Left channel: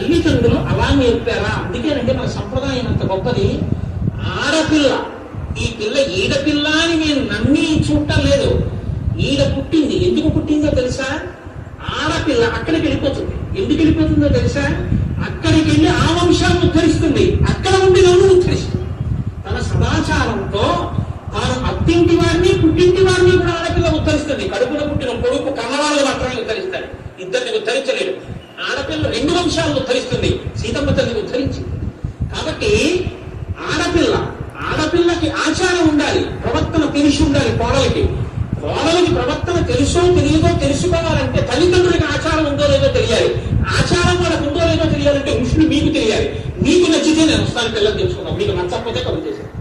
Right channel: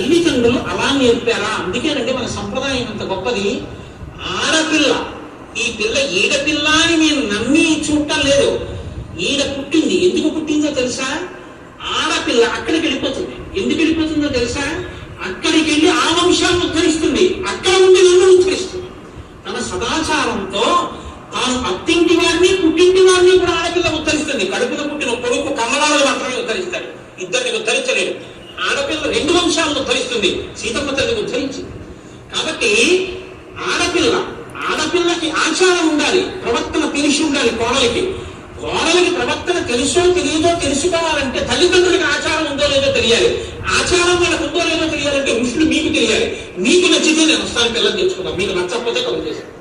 తల్లిదండ్రులు అలా నేర్పారా? అందుకేనంటే మన సంప్రదాయం అంత గొప్పది. ఆడపిల్ల, ఈ పిల్ల ఈడపిల్ల అని నేను నమ్మి చూడటం లేదు. ఈడ పుట్టింది, ఎందుకు పుట్టిందో తెలుసా? ఆడపిల్ల అక్కడికి వెళ్ళిపోతుంది. ఎందుకు వెళ్ళిపోతుందో తెలుసా? అక్కడికి వెళ్ళి ఆ వంశాలను ఉద్ధరిస్తుంది, అక్కడ నుండి నన్ను ఉద్ధరిస్తుంది. తన సదాచారంతో తాను అత్తింటి వారిని పుట్టింటి వారిని కూడా ఆడపిల్ల ఉద్ధరిస్తుంది. కడుపులో పుట్టిన కొడుకు కమలాలను మాత్రమే ఉద్ధరిస్తాడు, ఇద్దరిని ఉద్ధరించలేడు. ఆడపిల్ల రెండు వంశాలను ఉద్ధరిస్తుంది, సీతమ్మ తల్లిని ఉద్ధరించింది. కాబట్టి ఆడపిల్లకి ఆచారం ఉండాలి, ప్రవర్తన తెలిసి ఉండాలి. కోడలికి ప్రవర్తన తెలుసో తెలియదో తెలుసుకోవాలంటే తల్లిదండ్రులకి ఆచారం ఉందో లేదో తెలియాలి. ఆచారం వాళ్ళకు ఉందో లేదో తెలియాలంటే ఋషులు మీకు తెలియాలి. మీకు నచ్చితే నేను వస్తాను, పిల్లలు తెచ్చుకున్నాం, మీకు నచ్చకపోతే కలుగు చేశాను.